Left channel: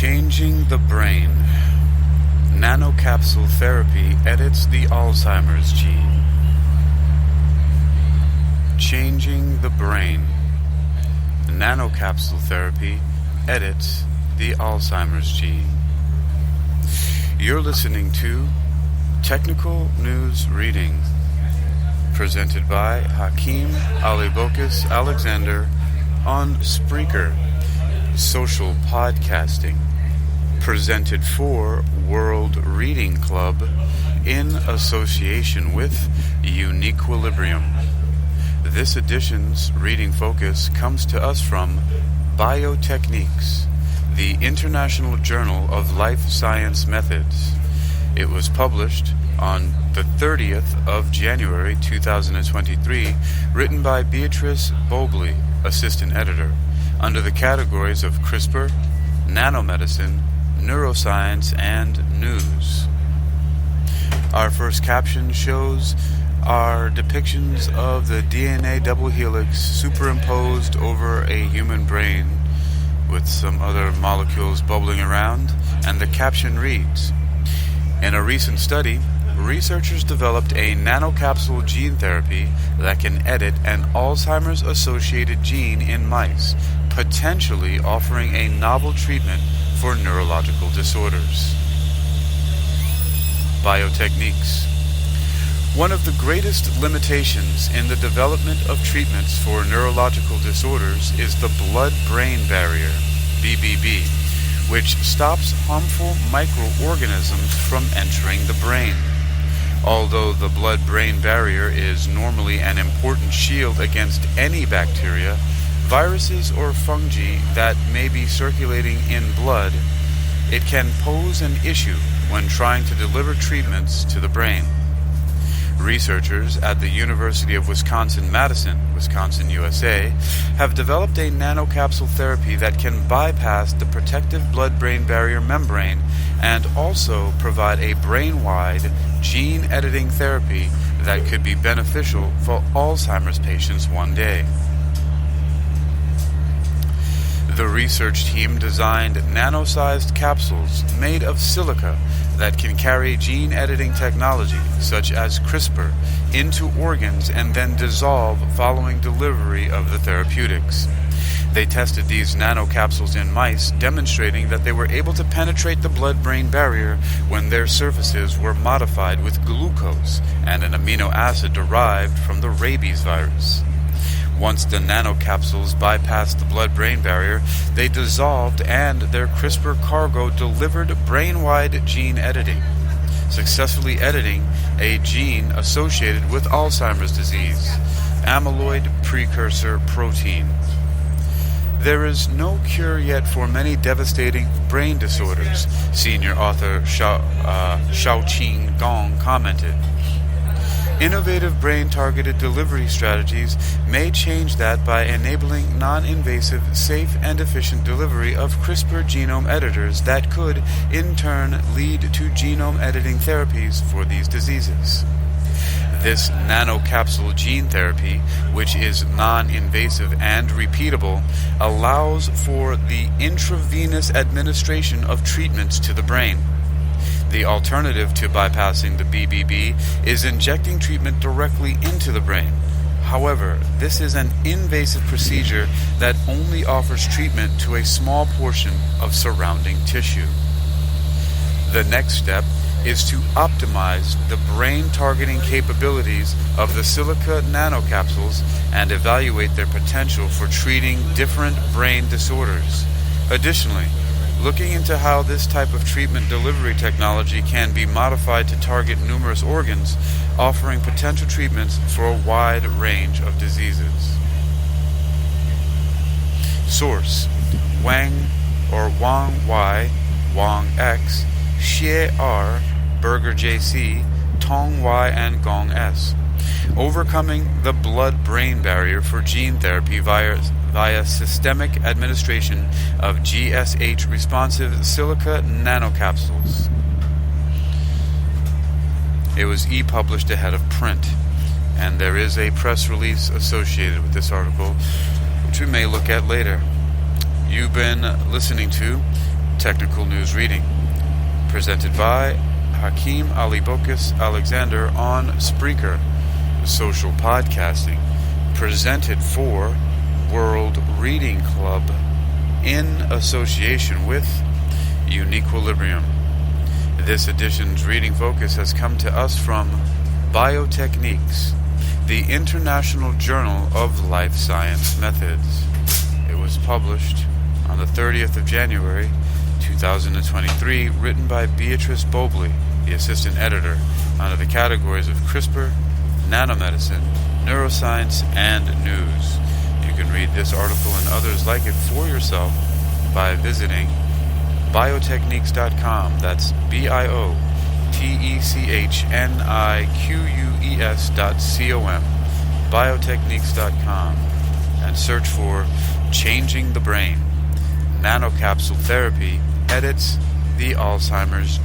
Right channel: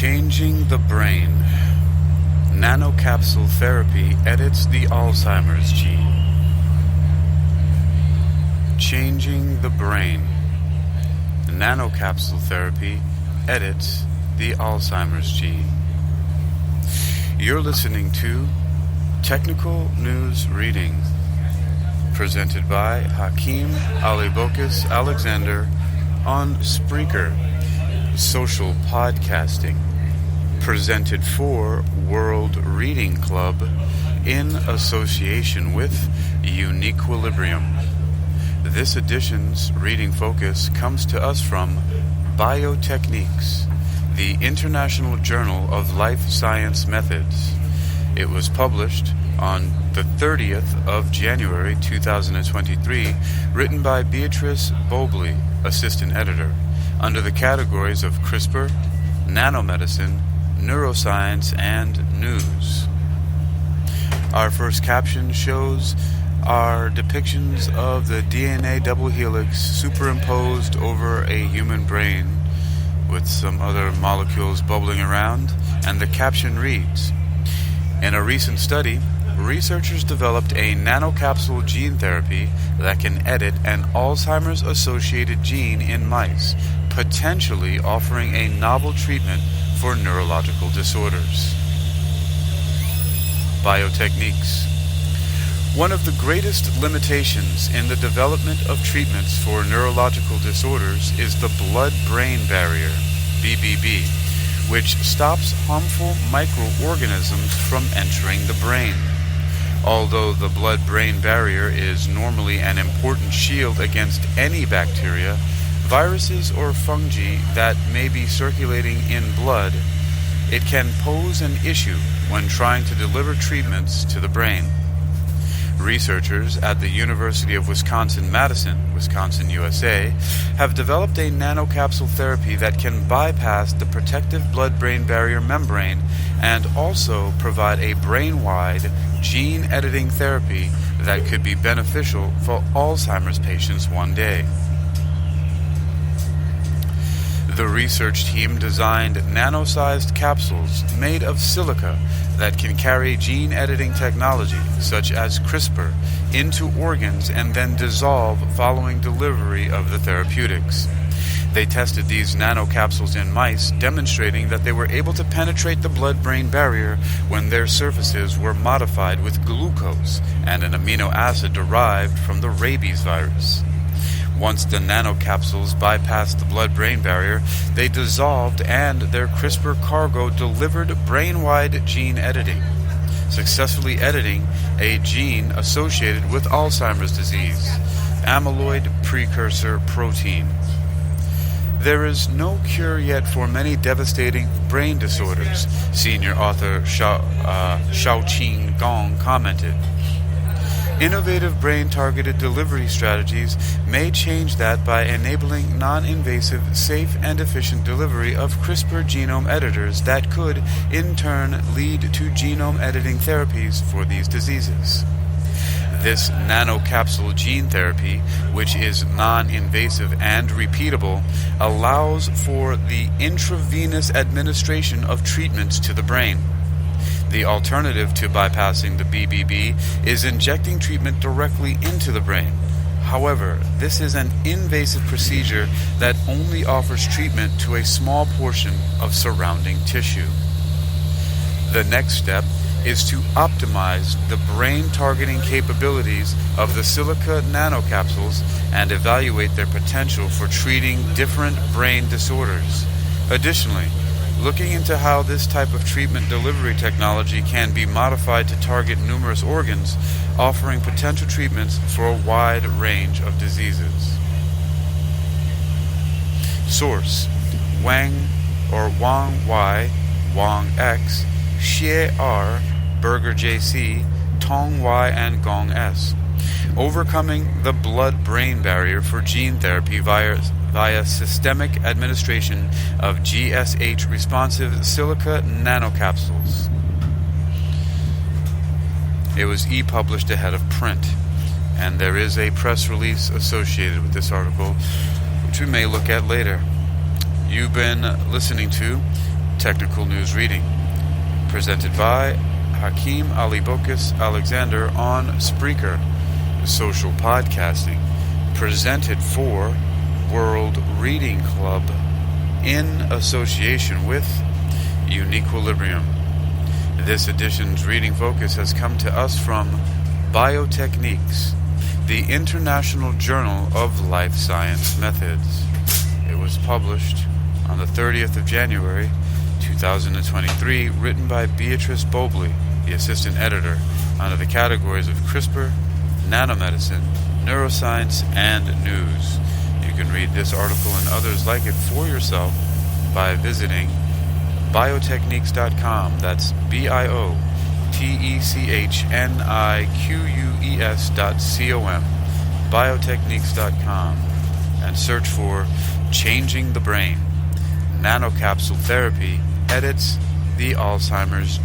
Changing the brain. Nanocapsule therapy edits the Alzheimer's gene. Changing the brain. Nanocapsule therapy edits the Alzheimer's gene. You're listening to Technical News Reading, presented by Hakeem Alibokis Alexander on Spreaker, social podcasting, presented for World Reading Club in association with Uniquilibrium. This edition's reading focus comes to us from Biotechniques, the International Journal of Life Science Methods. It was published on the 30th of January 2023, written by Beatrice Bobley, assistant editor, under the categories of CRISPR, nanomedicine, neuroscience, and news. Our first caption shows our depictions of the DNA double helix superimposed over a human brain with some other molecules bubbling around, and the caption reads, "In a recent study, researchers developed a nanocapsule gene therapy that can edit an Alzheimer's-associated gene in mice, potentially offering a novel treatment for neurological disorders." Biotechniques. One of the greatest limitations in the development of treatments for neurological disorders is the blood-brain barrier, BBB, which stops harmful microorganisms from entering the brain. Although the blood-brain barrier is normally an important shield against any bacteria, viruses, or fungi that may be circulating in blood, it can pose an issue when trying to deliver treatments to the brain. Researchers at the University of Wisconsin-Madison, Wisconsin, USA, have developed a nanocapsule therapy that can bypass the protective blood-brain barrier membrane and also provide a brain-wide gene-editing therapy that could be beneficial for Alzheimer's patients one day. The research team designed nano-sized capsules made of silica that can carry gene-editing technology, such as CRISPR, into organs and then dissolve following delivery of the therapeutics. They tested these nanocapsules in mice, demonstrating that they were able to penetrate the blood-brain barrier when their surfaces were modified with glucose and an amino acid derived from the rabies virus. Once the nanocapsules bypassed the blood-brain barrier, they dissolved and their CRISPR cargo delivered brain-wide gene editing, successfully editing a gene associated with Alzheimer's disease, amyloid precursor protein. There is no cure yet for many devastating brain disorders, senior author Xiaoqing Gong commented. Innovative brain-targeted delivery strategies may change that by enabling non-invasive, safe, and efficient delivery of CRISPR genome editors that could, in turn, lead to genome editing therapies for these diseases. This nanocapsule gene therapy, which is non-invasive and repeatable, allows for the intravenous administration of treatments to the brain. The alternative to bypassing the BBB is injecting treatment directly into the brain. However, this is an invasive procedure that only offers treatment to a small portion of surrounding tissue. The next step is to optimize the brain-targeting capabilities of the silica nanocapsules and evaluate their potential for treating different brain disorders. Additionally, looking into how this type of treatment delivery technology can be modified to target numerous organs, offering potential treatments for a wide range of diseases. Source: Wang Y, Wang X, Xie R, Berger JC, Tong Y, and Gong S. Overcoming the blood-brain barrier for gene therapy via systemic administration of GSH-responsive silica nanocapsules. It was e-published ahead of print, and there is a press release associated with this article, which we may look at later. You've been listening to Technical News Reading, presented by Hakeem Ali Bokus Alexander on Spreaker. Social Podcasting, presented for World Reading Club in association with Uniquilibrium. This edition's reading focus has come to us from Biotechniques, the International Journal of Life Science Methods. It was published on the 30th of January, 2023, written by Beatrice Bobley, the assistant editor, under the categories of CRISPR, nanomedicine, neuroscience, and news. You can read this article and others like it for yourself by visiting biotechniques.com. That's biotechniques.com, biotechniques.com, and search for Changing the Brain. Nanocapsule therapy edits the Alzheimer's